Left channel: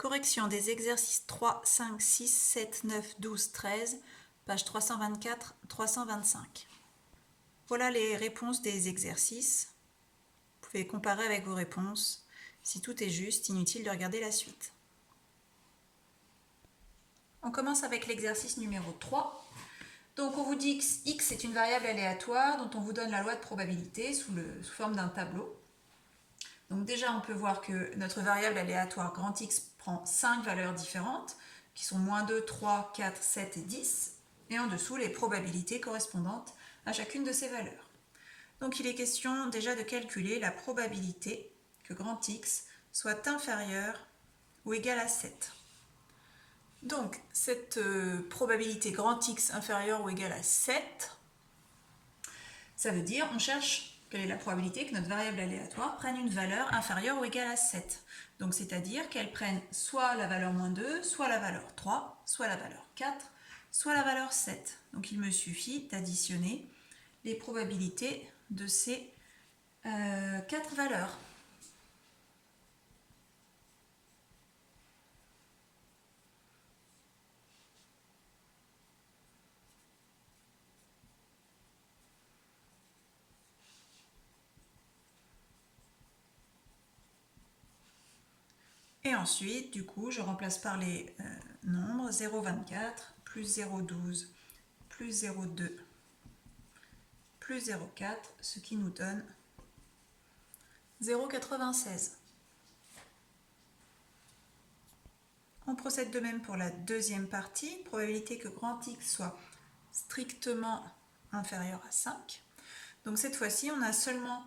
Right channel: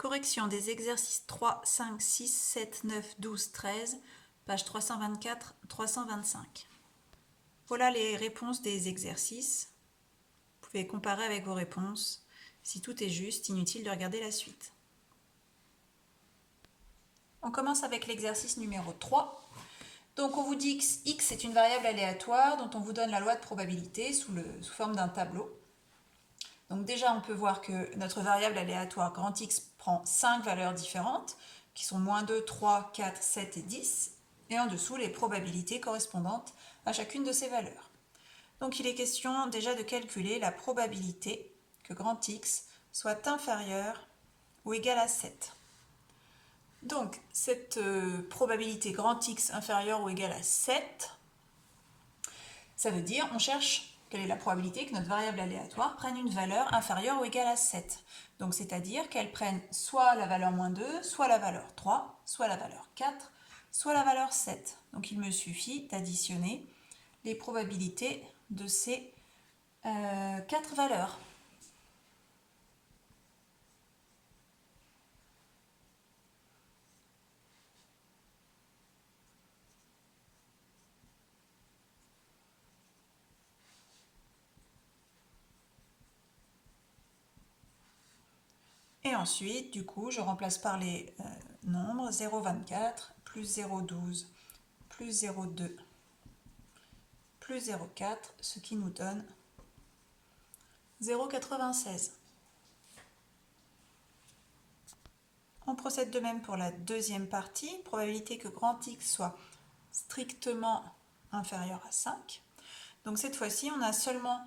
Correction des exercices 3, 5, 6, 7, 9, 12, 13, page 324, 325. Voilà les réponses des exercices. Vous pouvez comparer avec vos réponses. Si tout est juste, inutile de regarder la suite. On commence avec l'exercice numéro 3. Donc on vous dit que x est une variable aléatoire dont on vous donne la loi de probabilité sous forme d'un tableau. Donc déjà on peut voir que notre variable aléatoire grand X prend 5 valeurs différentes qui sont moins 2, 3, 4, 7 et 10 et en dessous les probabilités correspondantes à chacune de ces valeurs. Donc il est question déjà de calculer la probabilité que grand X soit inférieur ou égal à 7. Donc cette probabilité grand X inférieure ou égale à 7, ça veut dire on cherche quelle est la probabilité que notre variable aléatoire prenne une valeur inférieure ou égale à 7. Donc c'est-à-dire qu'elle prenne soit la valeur moins 2, soit la valeur 3, soit la valeur 4, soit la valeur 7. Donc il me suffit d'additionner les probabilités de ces 4 valeurs. Et ensuite, du coup, je remplace par les nombres 0,24 plus 0,12 plus 0,2 plus 0,4, ce qui nous donne 0,96. On procède de même pour la deuxième partie, probabilité que grand X soit strictement inférieur à 5. Donc cette fois-ci, on a seulement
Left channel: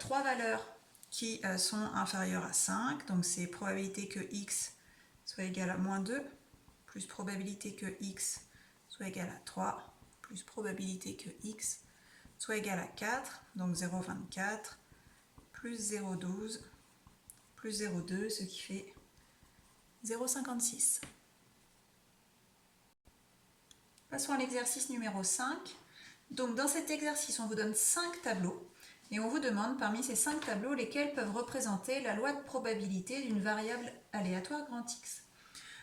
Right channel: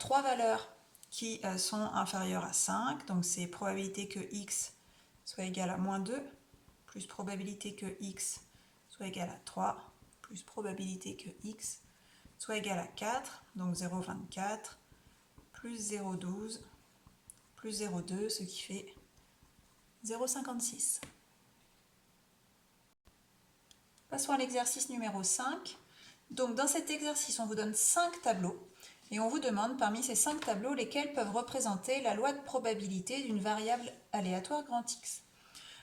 3 valeurs qui sont inférieures à 5. Donc c'est probabilité que X soit égal à moins 2, plus probabilité que X soit égal à 3, plus probabilité que X soit égal à 4, donc 0,24, plus 0,12, plus 0,2, ce qui fait 0,56. Passons à l'exercice numéro 5. Donc dans cet exercice, on vous donne 5 tableaux et on vous demande parmi ces 5 tableaux lesquels peuvent représenter la loi de probabilité d'une variable aléatoire grand X.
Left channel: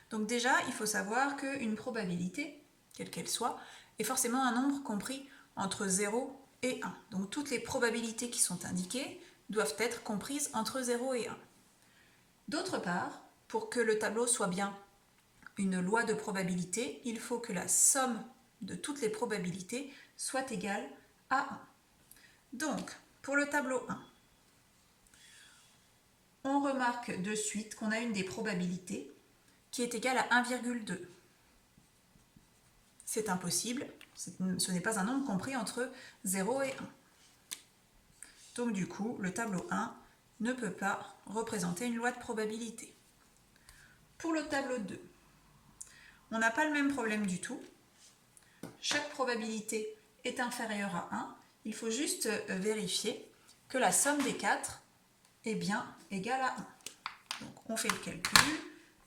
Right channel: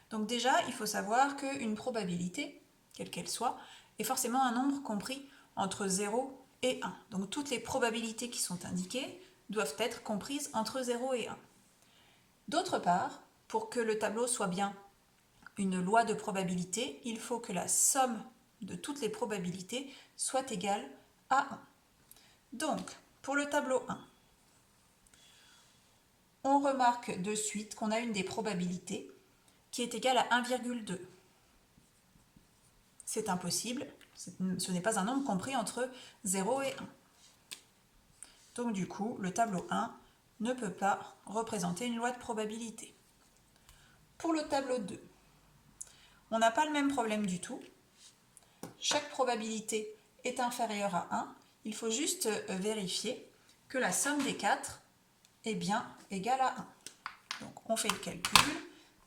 Donc déjà, il faut savoir qu'une probabilité, quelle qu'elle soit, est forcément un nombre compris entre 0 et 1. Donc toutes les probabilités qui sont indiquées doivent être comprises entre 0 et 1. D'autre part, pour que le tableau soit bien une loi de probabilité, il faut que la somme de toutes les probabilités soit égale à 1. Donc, pour le tableau 1, on remarque de suite qu'on a une des probabilités qui est égale à 1,2. C'est impossible, ce n'est pas un nombre compris entre 0 et 1. Donc du coup, le tableau 1 ne peut pas représenter une loi de probabilité. Pour le tableau 2, on n'a pas le même problème du tout. Chaque probabilité est inférieure à 1. Il faut juste vérifier que la somme des 4 est bien égale à 1. Donc on fait le calcul.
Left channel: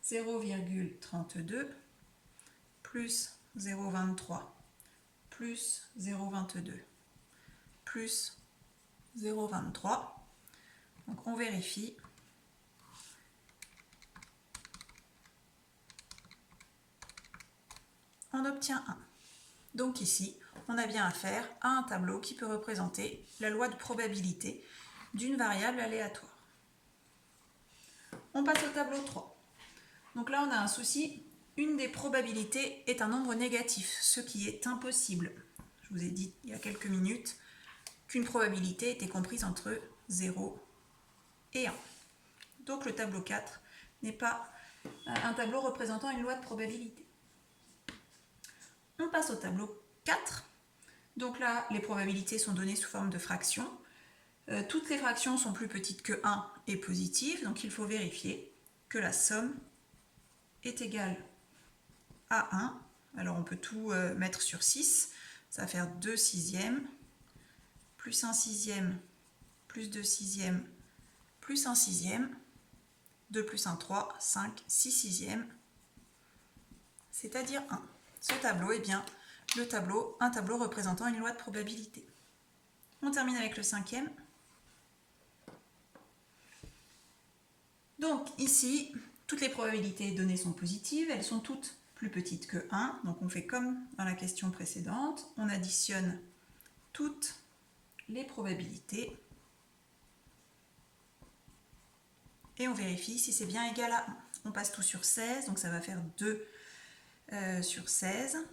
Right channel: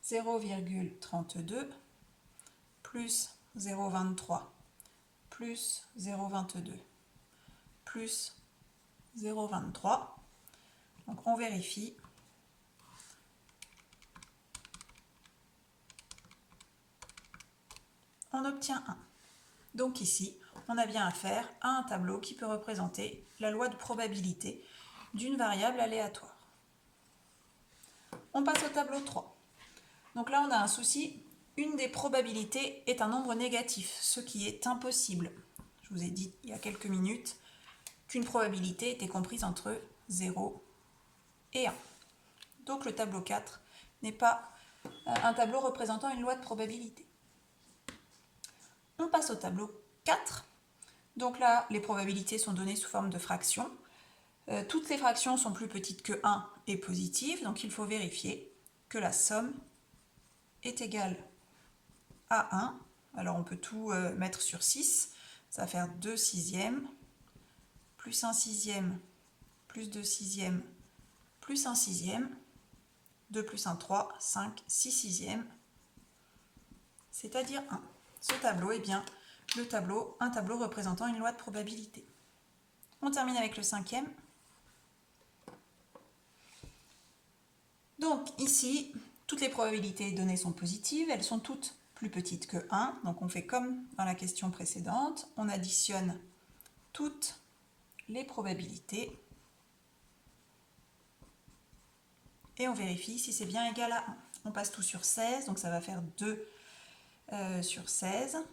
0,32 plus 0,23 plus 0,22 plus 0,23. Donc on vérifie. On obtient 1. Donc ici, on a bien affaire à un tableau qui peut représenter la loi de probabilité d'une variable aléatoire. On passe au tableau 3. Donc là, on a un souci. Une des probabilités est un nombre négatif, ce qui est impossible. Je vous ai dit il y a quelques minutes qu'une probabilité était comprise entre 0 et 1. Donc le tableau 4 n'est pas un tableau représentant une loi de probabilité. On passe au tableau 4. Donc là, les probabilités sont données sous forme de fractions. Toutes les fractions sont plus petites que 1 et positives, donc il faut vérifier que la somme est égale à 1. Alors on peut tout mettre sur 6. Ça va faire 2 sixièmes, plus 1 sixième, plus 2 sixièmes, plus 1 sixième, 2 plus 1, 3, 5, 6 sixièmes, c'est-à-dire 1. Ce tableau est bien un tableau représentant une loi de probabilité. On termine avec le 5e. Donc ici, toutes les probabilités données sont positives, elles sont toutes plus petites que 1, donc on fait comme dans la question précédente, on additionne toutes les probabilités et on vérifie si c'est bien égal à 1. On passe tout sur 16, donc ça va faire 2 sur 16,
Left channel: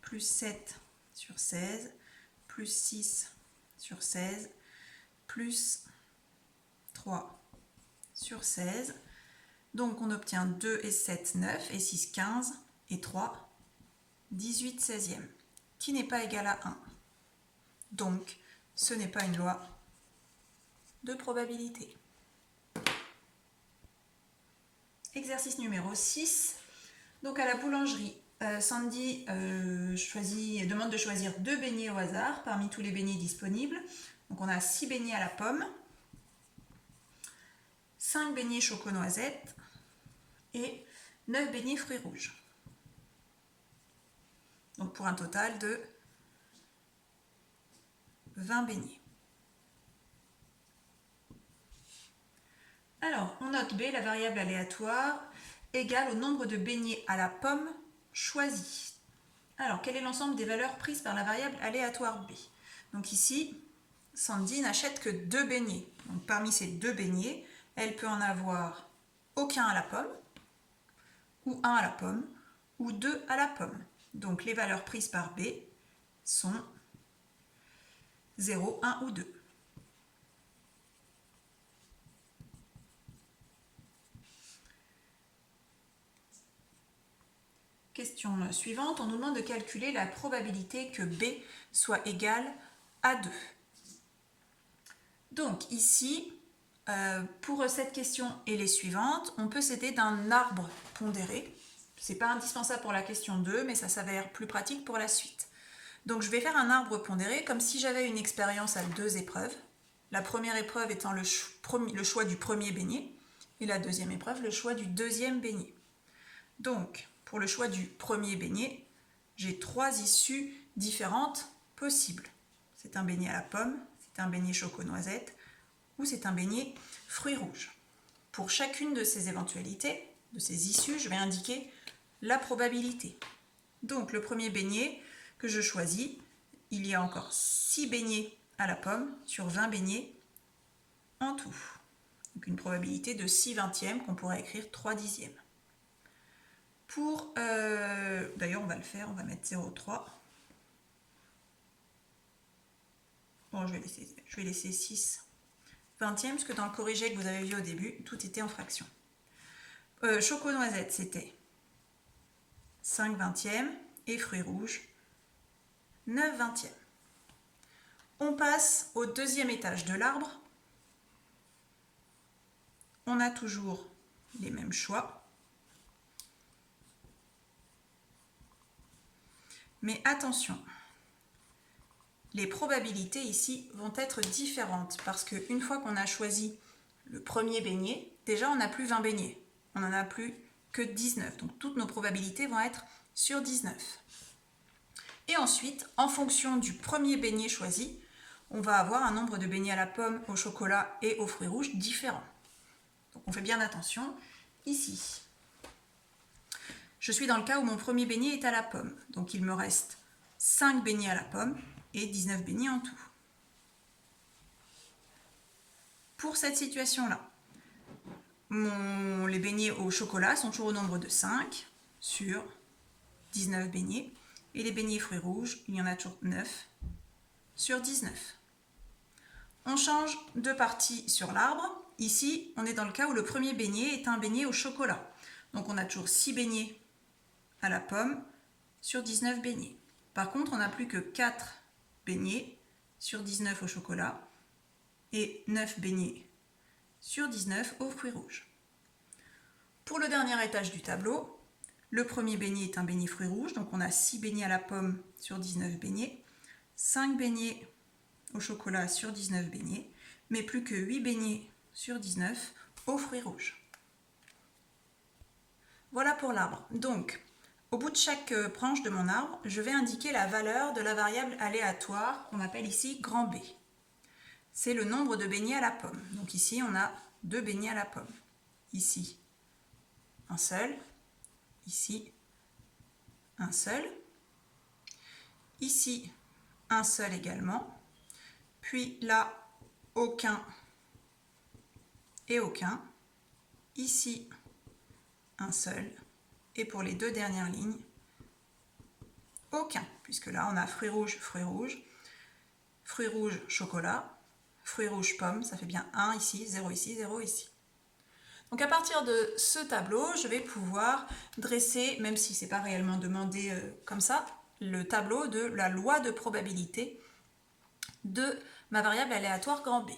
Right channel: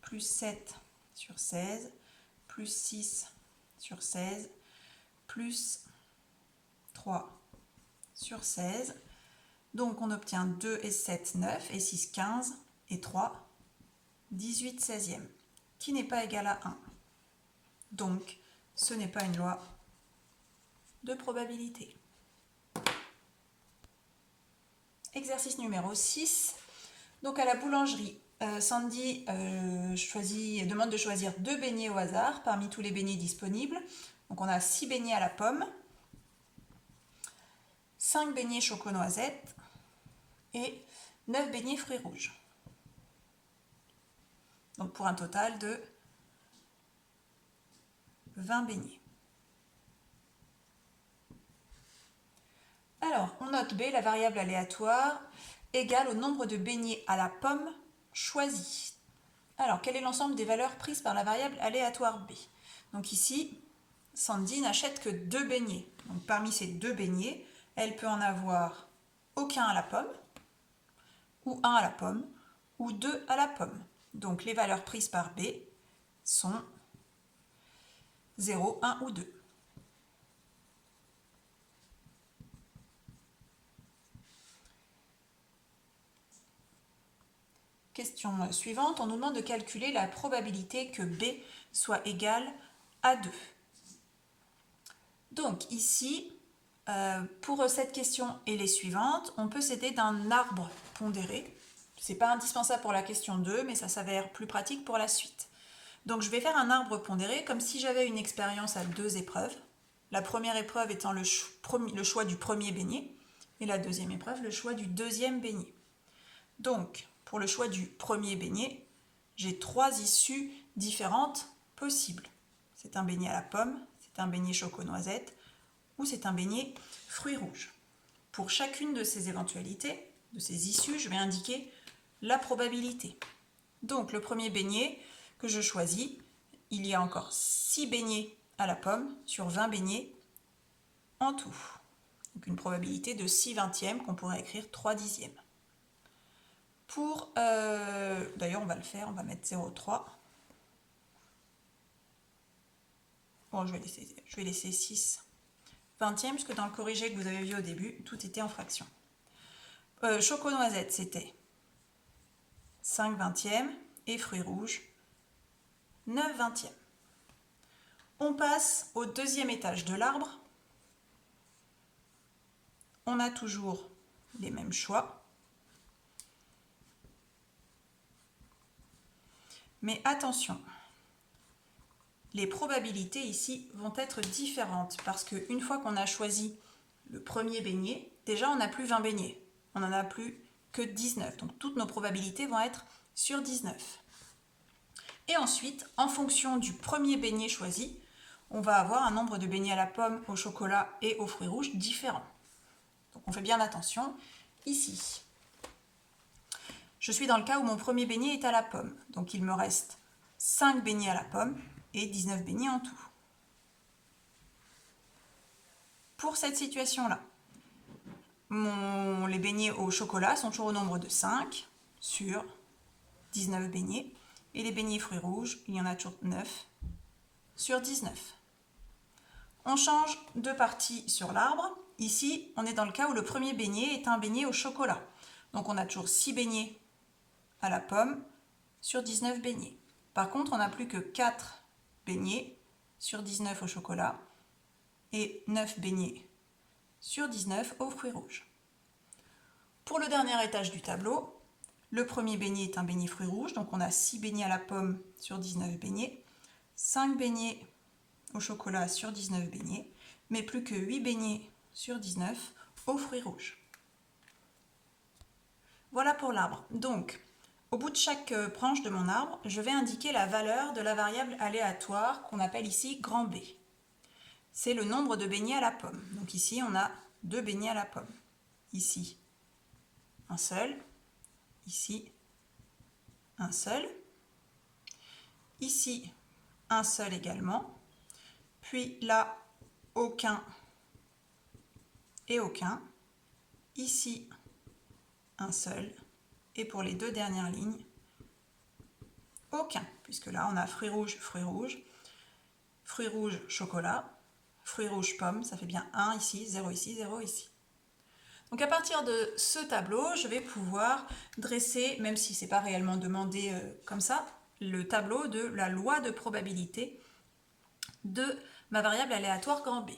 plus 7 sur 16, plus 6 sur 16, plus 3 sur 16. Donc on obtient 2 et 7, 9, et 6, 15, et 3, 18 16e, qui n'est pas égal à 1. Donc ce n'est pas une loi de probabilité. Exercice numéro 6. Donc à la boulangerie, Sandy demande de choisir 2 beignets au hasard parmi tous les beignets disponibles. Donc on a 6 beignets à la pomme, 5 beignets choco-noisette et 9 beignets fruits rouges. Donc pour un total de 20 beignets. Alors, on note B, la variable aléatoire, égale au nombre de beignets à la pomme choisis. Alors, quel est l'ensemble des valeurs prises par la variable aléatoire B? Donc ici, Sandy n'achète que 2 beignets. Donc parmi ces 2 beignets, elle peut en avoir aucun à la pomme, ou 1 à la pomme, ou 2 à la pomme. Donc les valeurs prises par B sont 0, 1 ou 2. Question suivante, on nous demande de calculer la probabilité que B soit égale à 2. Donc ici, pour cette question et les suivantes, on peut s'aider d'un arbre pondéré. Ce n'est pas indispensable pour la question 2, mais ça s'avère plus pratique pour la suite. Donc je vais faire un arbre pondéré comme si j'avais une expérience à 2 épreuves. La première épreuve étant le choix du premier beignet et la deuxième épreuve le choix du deuxième beignet. Donc, pour le choix du premier beignet, j'ai 3 issues différentes possibles. C'est un beignet à la pomme, c'est un beignet choco-noisette ou c'est un beignet fruits rouges. Pour chacune de ces éventualités, de ces issues, je vais indiquer la probabilité. Donc, le premier beignet que je choisis, il y a encore 6 beignets à la pomme sur 20 beignets en tout. Donc, une probabilité de 6 vingtièmes qu'on pourrait écrire 3 dixièmes. D'ailleurs on va le faire, on va mettre 0,3. Bon, je vais laisser 6 vingtièmes, parce que dans le corrigé que vous avez vu au début, tout était en fraction. Choco-noisette, c'était 5 vingtièmes, et fruits rouges, 9 vingtièmes. On passe au deuxième étage de l'arbre. On a toujours les mêmes choix. Mais attention, les probabilités ici vont être différentes parce qu'une fois qu'on a choisi le premier beignet, déjà on n'a plus 20 beignets, on n'en a plus que 19. Donc toutes nos probabilités vont être sur 19. Et ensuite, en fonction du premier beignet choisi, on va avoir un nombre de beignets à la pomme, au chocolat et aux fruits rouges différents. Donc on fait bien attention ici. Je suis dans le cas où mon premier beignet est à la pomme. Donc il me reste 5 beignets à la pomme et 19 beignets en tout. Pour cette situation-là, les beignets au chocolat sont toujours au nombre de 5 sur 19 beignets. Et les beignets fruits rouges, il y en a toujours 9 sur 19. On change de partie sur l'arbre. Ici, on est dans le cas où le premier beignet est un beignet au chocolat. Donc on a toujours 6 beignets à la pomme sur 19 beignets. Par contre, on n'a plus que 4 beignets sur 19 au chocolat et 9 beignets sur 19 aux fruits rouges. Pour le dernier étage du tableau, le premier beignet est un beignet fruits rouges, donc on a 6 beignets à la pomme sur 19 beignets, 5 beignets au chocolat sur 19 beignets, mais plus que 8 beignets sur 19 aux fruits rouges. Voilà pour l'arbre. Donc, au bout de chaque branche de mon arbre, je vais indiquer la valeur de la variable aléatoire qu'on appelle ici grand B. C'est le nombre de beignets à la pomme. Donc ici, on a 2 beignets à la pomme. Ici, un seul, ici, un seul, ici, un seul également, puis là, aucun et aucun, ici, un seul, et pour les deux dernières lignes, aucun, puisque là, on a fruits rouges, chocolat, fruits rouges, pomme, ça fait bien 1 ici, 0 ici, 0 ici. Donc à partir de ce tableau, je vais pouvoir dresser, même si ce n'est pas réellement demandé comme ça, le tableau de la loi de probabilité de ma variable aléatoire grand B.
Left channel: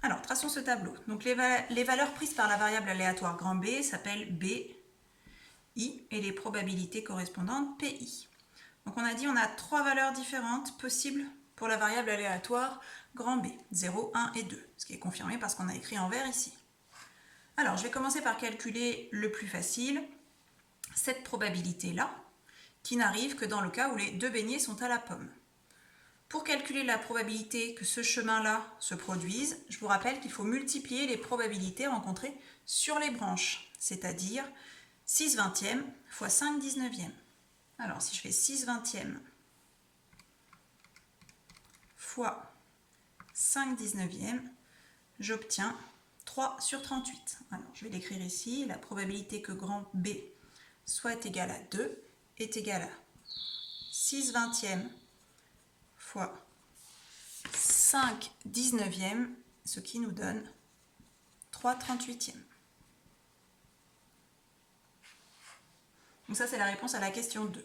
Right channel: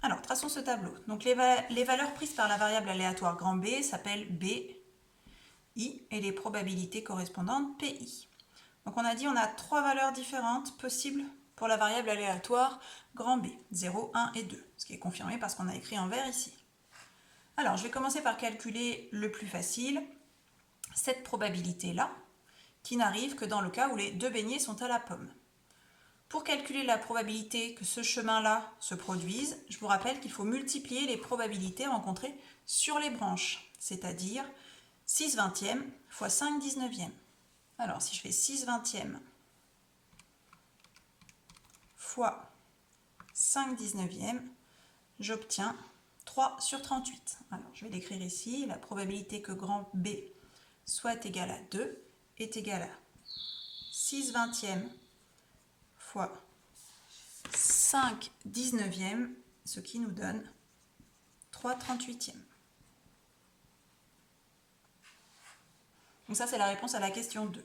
Alors, traçons ce tableau. Donc les valeurs prises par la variable aléatoire grand B s'appellent B, I, et les probabilités correspondantes PI. Donc on a dit on a 3 valeurs différentes possibles pour la variable aléatoire grand B, 0, 1 et 2, ce qui est confirmé parce qu'on a écrit en vert ici. Alors, je vais commencer par calculer le plus facile, cette probabilité-là, qui n'arrive que dans le cas où les deux beignets sont à la pomme. Pour calculer la probabilité que ce chemin-là se produise, je vous rappelle qu'il faut multiplier les probabilités rencontrées sur les branches, c'est-à-dire 6 vingtièmes fois 5 19e. Alors, si je fais 6 vingtièmes fois 5 19e, j'obtiens 3 sur 38. Alors, je vais l'écrire ici. La probabilité que grand B soit égal à 2 est égale à 6 vingtièmes fois 5 19e, ce qui nous donne 3 38e. Donc ça, c'est la réponse à la question 2.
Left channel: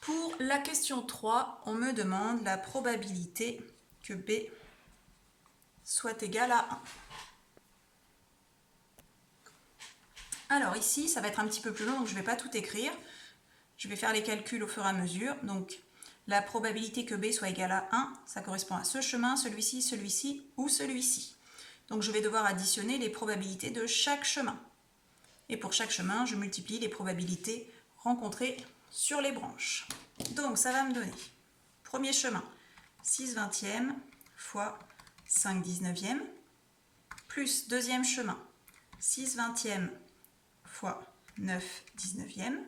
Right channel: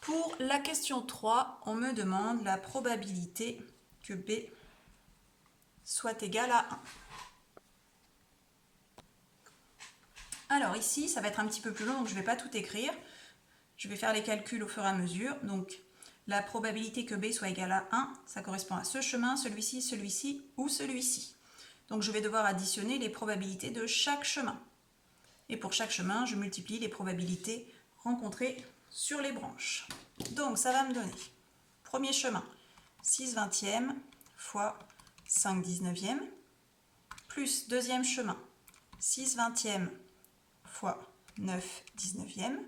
Pour la question 3, on me demande la probabilité que B soit égal à 1. Alors ici, ça va être un petit peu plus long, donc je ne vais pas tout écrire. Je vais faire les calculs au fur et à mesure. Donc la probabilité que B soit égal à 1, ça correspond à ce chemin, celui-ci, celui-ci ou celui-ci. Donc je vais devoir additionner les probabilités de chaque chemin. Et pour chaque chemin, je multiplie les probabilités rencontrées sur les branches. Donc ça va me donner, premier chemin, 6 vingtièmes fois 5 19e, plus deuxième chemin, 6 vingtièmes fois 9 19e,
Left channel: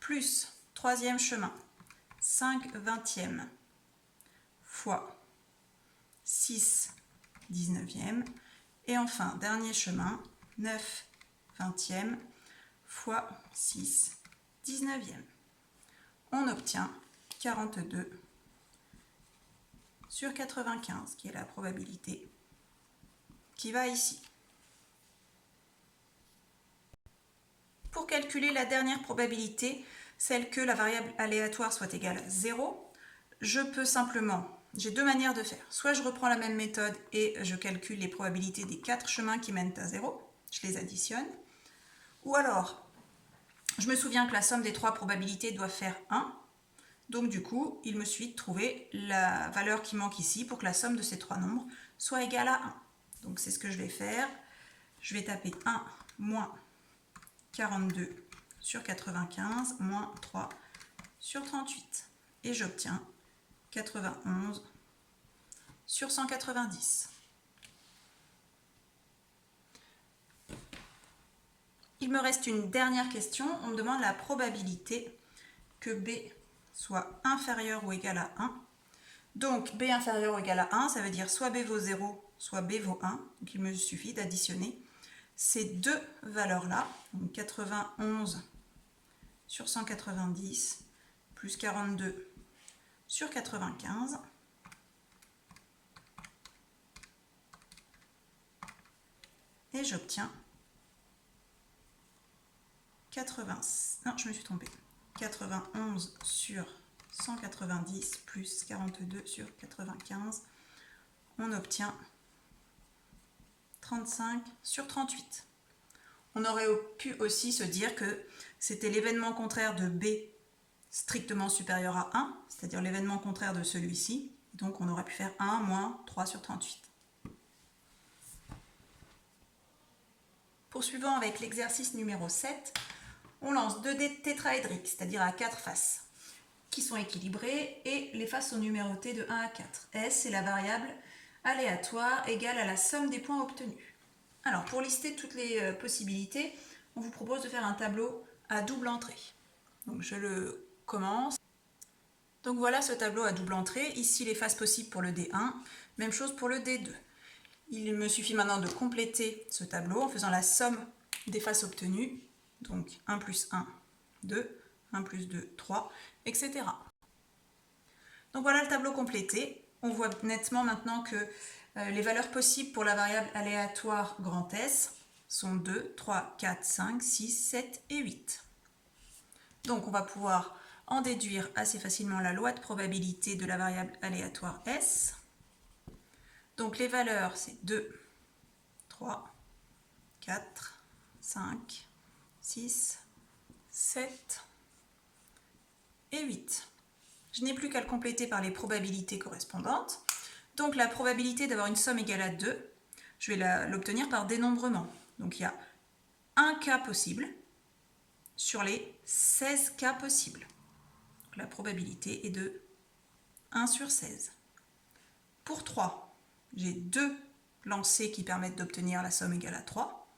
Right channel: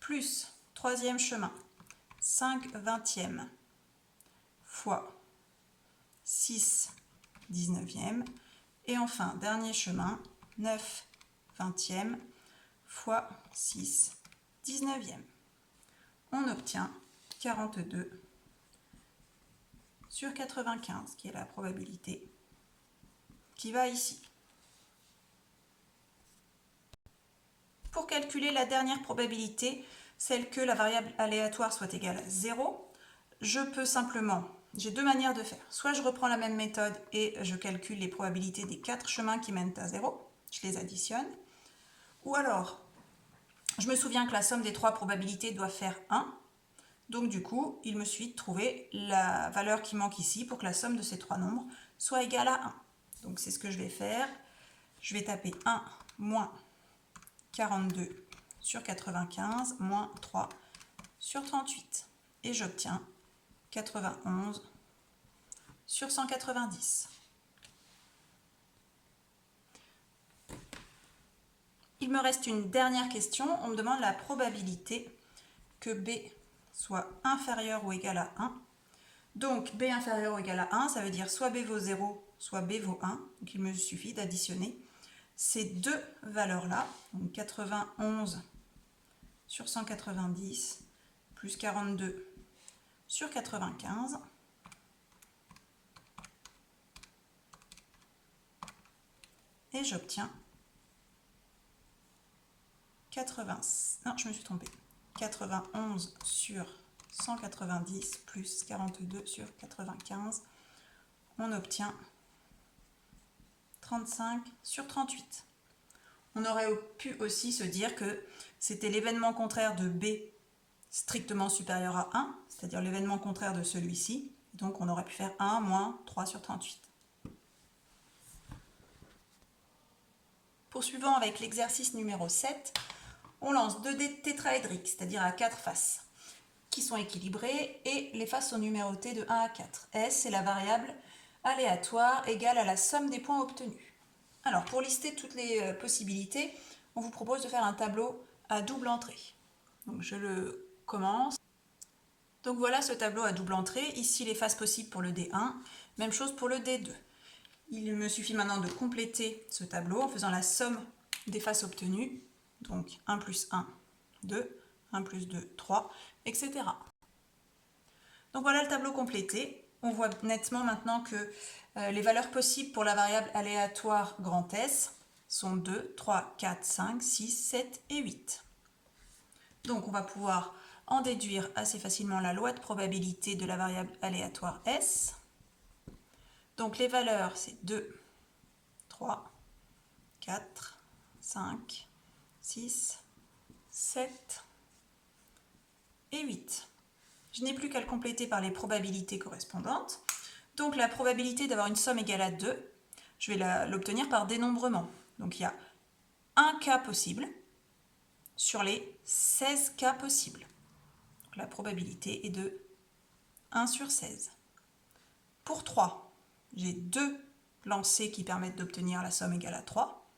plus troisième chemin, 5 vingtièmes fois 6 19e, et enfin, dernier chemin, 9 vingtièmes fois 6 19e. On obtient 42 sur 95, qui est la probabilité qui va ici. Pour calculer la dernière probabilité, celle que la variable aléatoire soit égale à 0, je peux simplement, j'ai deux manières de faire. Soit je reprends la même méthode et je calcule les probabilités des 4 chemins qui mènent à 0, je les additionne. Ou alors, je me souviens que la somme des 3 probabilités doit faire 1. Donc du coup, il me suffit de trouver la valeur qui manque ici pour que la somme de ces 3 nombres soit égale à 1. Donc c'est ce que je vais faire. Je vais taper 1 moins 42 sur 95 moins 3 sur 38. Et j'obtiens 91 sur 190. Il me reste une dernière question. On me demande la probabilité que B soit inférieur ou égal à 1. Donc B inférieur ou égal à 1, ça veut dire soit B vaut 0, soit B vaut 1. Donc il me suffit d'additionner ces deux valeurs-là. Donc 91 sur 190 plus 42 sur 95. Et j'obtiens 91 sur 190 plus 42 sur 95. On obtient 35 sur 38. On aurait pu aussi se dire que c'était l'événement contraire de B strictement supérieur à 1, c'est-à-dire l'événement contraire de celui-ci. Donc on aurait pu faire 1 moins 3 sur 38. Poursuivant avec l'exercice numéro 7, on lance 2 dés tétraédriques, c'est-à-dire à 4 faces, qui sont équilibrées et les faces sont numérotées de 1 à 4. S est la variable aléatoire égale à la somme des points obtenus. Alors, pour lister toutes les possibilités, on vous propose de faire un tableau à double entrée. Donc, je le commence. Donc, voilà ce tableau à double entrée. Ici, les faces possibles pour le D1. Même chose pour le D2. Il me suffit maintenant de compléter ce tableau en faisant la somme des faces obtenues. Donc, 1 plus 1, 2, 1 plus 2, 3, etc. Donc, voilà le tableau complété. On voit nettement maintenant que les valeurs possibles pour la variable aléatoire grand S sont 2, 3, 4, 5, 6, 7 et 8. Donc on va pouvoir en déduire assez facilement la loi de probabilité de la variable aléatoire S. Donc les valeurs c'est 2, 3, 4, 5, 6, 7 et 8. Je n'ai plus qu'à le compléter par les probabilités correspondantes. Donc la probabilité d'avoir une somme égale à 2, je vais l'obtenir par dénombrement. Donc il y a un cas possible sur les 16 cas possibles. Donc la probabilité est de 1 sur 16. Pour 3, j'ai 2 lancers qui permettent d'obtenir la somme égale à 3.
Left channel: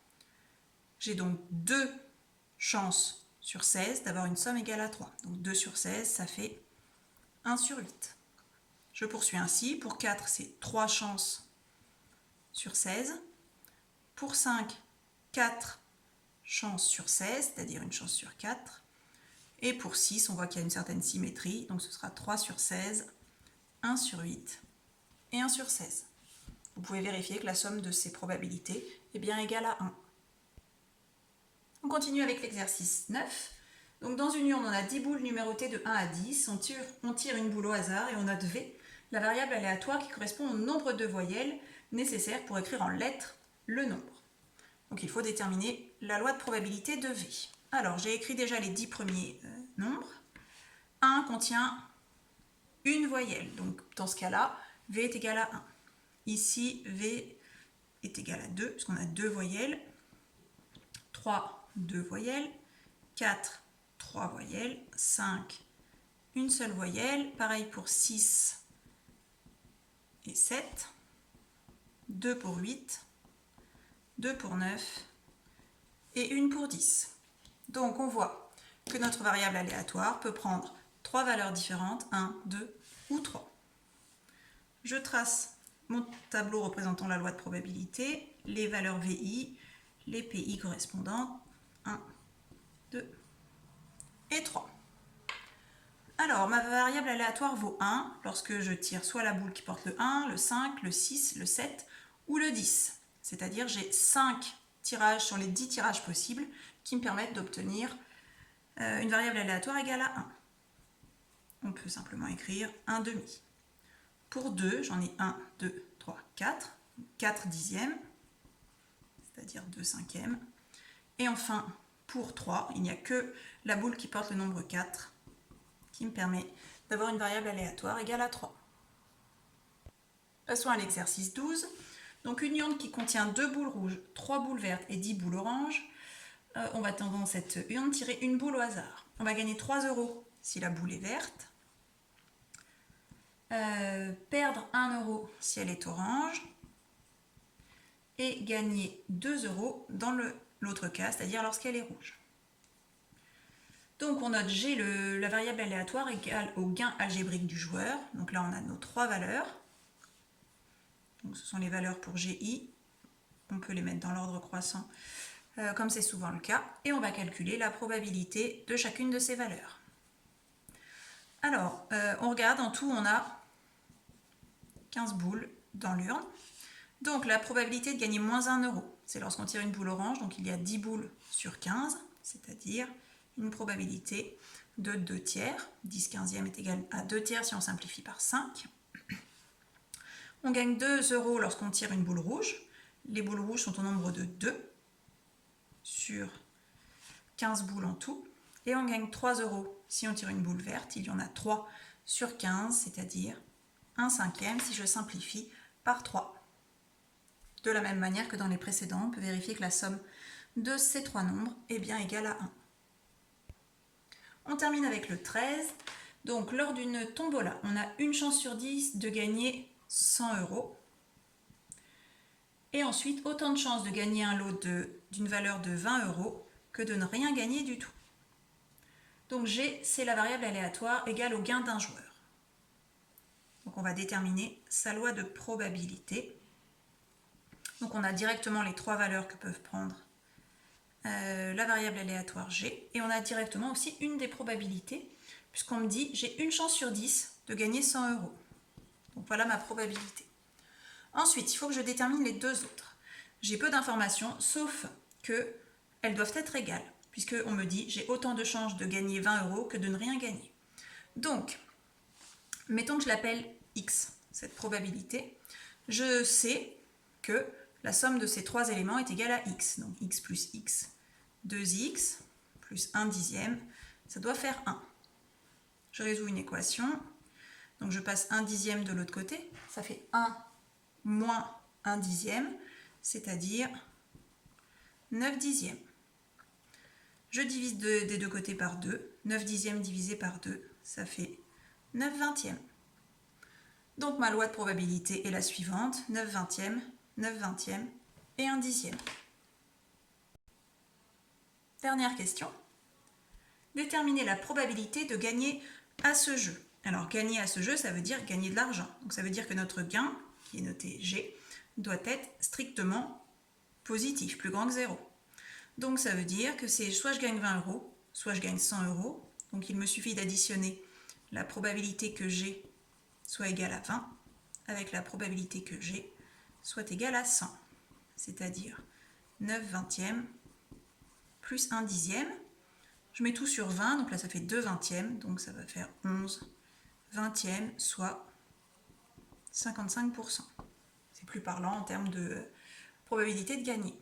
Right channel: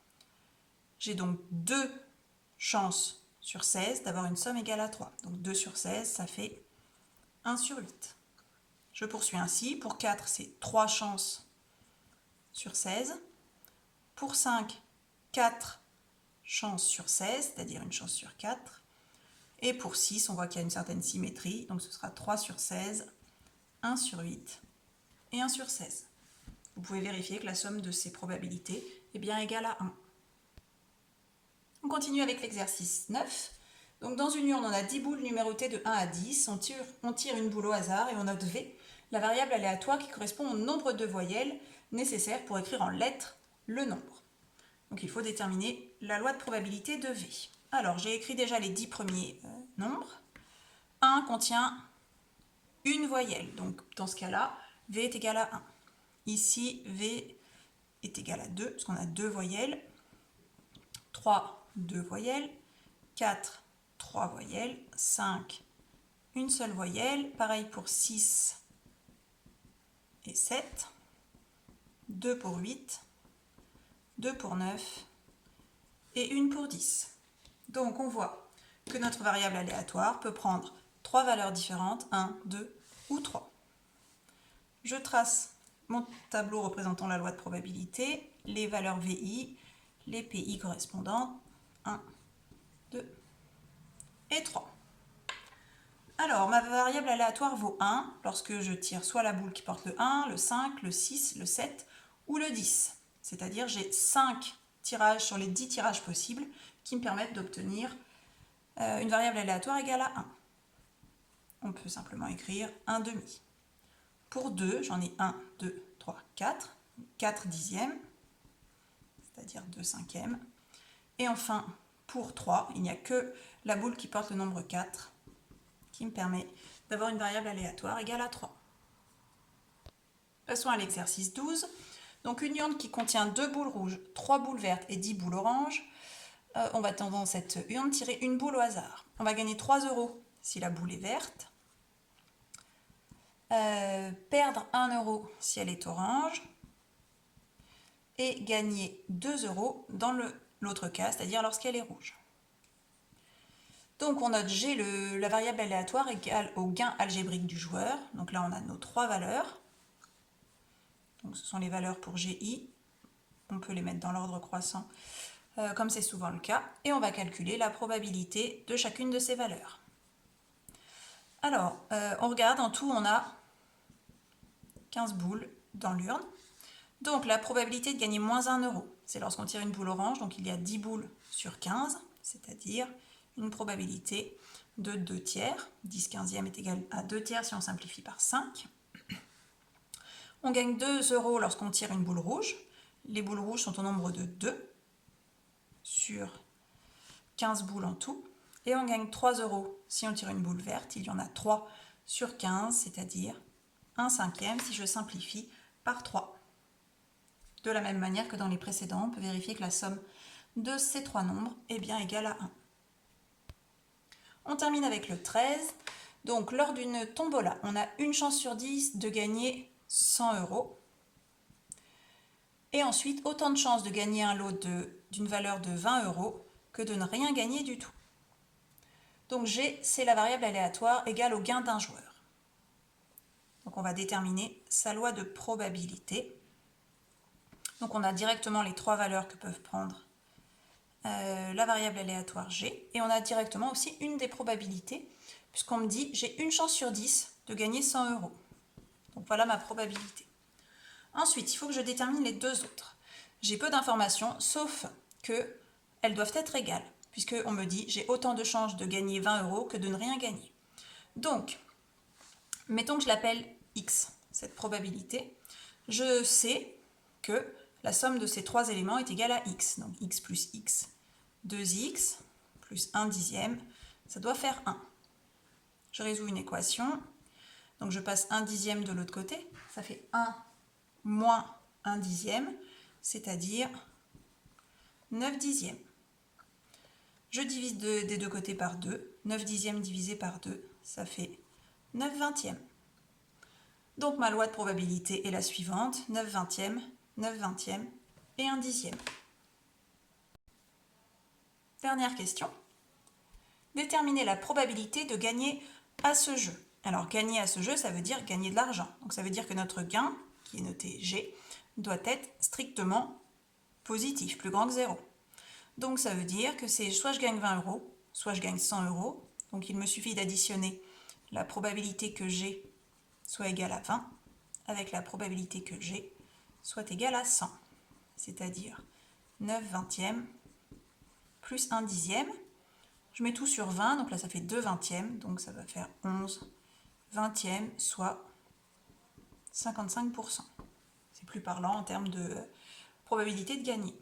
J'ai donc 2 chances sur 16 d'avoir une somme égale à 3. Donc 2 sur 16, ça fait 1 sur 8. Je poursuis ainsi. Pour 4, c'est 3 chances sur 16. Pour 5, 4 chances sur 16, c'est-à-dire une chance sur 4. Et pour 6, on voit qu'il y a une certaine symétrie. Donc ce sera 3 sur 16, 1 sur 8 et 1 sur 16. Vous pouvez vérifier que la somme de ces probabilités est bien égale à 1. On continue avec l'exercice 9. Donc dans une urne, on a 10 boules numérotées de 1 à 10. On tire une boule au hasard et on note V, la variable aléatoire qui correspond au nombre de voyelles nécessaires pour écrire en lettres le nombre. Donc il faut déterminer la loi de probabilité de V. Alors j'ai écrit déjà les 10 premiers nombres. 1 contient une voyelle. Donc dans ce cas-là, V est égal à 1. Ici, V est égal à 2, puisqu'on a 2 voyelles. 3, 2 voyelles. 4, 3 voyelles. 5, une seule voyelle. Pareil pour 6 et 7. 2 pour 8. 2 pour 9. Et 1 pour 10. Donc on voit que notre variable aléatoire peut prendre 3 valeurs différentes, 1, 2 ou 3. Je trace mon tableau représentant la loi de probabilité, les valeurs VI, les PI correspondantes, 1, 2 et 3. Alors, ma variable aléatoire vaut 1 lorsque je tire soit la boule qui porte le 1, le 5, le 6, le 7 ou le 10. C'est-à-dire j'ai 5 tirages sur les 10 tirages possibles qui me permettent d'obtenir une variable aléatoire égale à 1. On peut simplement écrire 1 demi. Pour 2, j'en ai 1, 2, 3, 4. 4 dixièmes, c'est-à-dire 2 cinquièmes. Et enfin, pour 3, il n'y a que la boule qui porte le nombre 4 qui me permet d'avoir une variable aléatoire égale à 3. Passons à l'exercice 12. Donc une urne qui contient 2 boules rouges, 3 boules vertes et 10 boules oranges. On va dans cette urne tirer une boule au hasard. On va gagner 3 € si la boule est verte. Perdre 1 € si elle est orange. Et gagner 2 € dans l'autre cas, c'est-à-dire lorsqu'elle est rouge. Donc on note G, la variable aléatoire égale au gain algébrique du joueur. Donc là on a nos 3 valeurs. Donc ce sont les valeurs pour GI. On peut les mettre dans l'ordre croissant comme c'est souvent le cas. Et on va calculer la probabilité de chacune de ces valeurs. Alors on regarde, en tout on a 15 boules dans l'urne. Donc la probabilité de gagner moins 1 €, c'est lorsqu'on tire une boule orange, donc il y a 10 boules sur 15, c'est-à-dire une probabilité de 2 tiers. 10 quinzièmes est égal à 2 tiers si on simplifie par 5. On gagne 2 € lorsqu'on tire une boule rouge. Les boules rouges sont au nombre de 2 sur 15 boules en tout. Et on gagne 3 € si on tire une boule verte. Il y en a 3 sur 15, c'est-à-dire 1 cinquième si je simplifie par 3. De la même manière que dans les précédents, on peut vérifier que la somme de ces 3 nombres est bien égale à 1. On termine avec le 13. Donc lors d'une tombola, on a une chance sur 10 de gagner 100 €. Et ensuite, autant de chances de gagner un lot d'une valeur de 20 € que de ne rien gagner du tout. Donc G, c'est la variable aléatoire égale au gain d'un joueur. Donc on va déterminer sa loi de probabilité. Donc on a directement les trois valeurs que peuvent prendre la variable aléatoire G. Et on a directement aussi une des probabilités, puisqu'on me dit j'ai une chance sur 10 de gagner 100 €. Donc voilà ma probabilité. Ensuite, il faut que je détermine les deux autres. J'ai peu d'informations, sauf qu'elles doivent être égales, puisqu'on me dit j'ai autant de chances de gagner 20 € que de ne rien gagner. Donc, mettons que je l'appelle X, cette probabilité. Je sais que la somme de ces trois éléments est égale à X. Donc X plus X, 2X, plus 1 dixième, ça doit faire 1. Je résous une équation. Donc je passe 1 dixième de l'autre côté. Ça fait 1 moins 1 dixième, c'est-à-dire 9 dixièmes. Je divise des deux côtés par 2. 9 dixièmes divisé par 2, ça fait 9 vingtièmes. Donc ma loi de probabilité est la suivante, 9 vingtièmes, 9 vingtièmes et 1 dixième. Dernière question. Déterminer la probabilité de gagner à ce jeu. Alors gagner à ce jeu, ça veut dire gagner de l'argent. Donc ça veut dire que notre gain, qui est noté G, doit être strictement positif, plus grand que 0. Donc ça veut dire que c'est soit je gagne 20 €, soit je gagne 100 €. Donc il me suffit d'additionner la probabilité que G soit égale à 20 avec la probabilité que G soit égale à 100. C'est-à-dire 9 vingtièmes plus 1 dixième. Je mets tout sur 20, donc là ça fait 2 vingtièmes, donc ça va faire 11 vingtièmes, soit 55%. C'est plus parlant en termes de probabilité de gagner.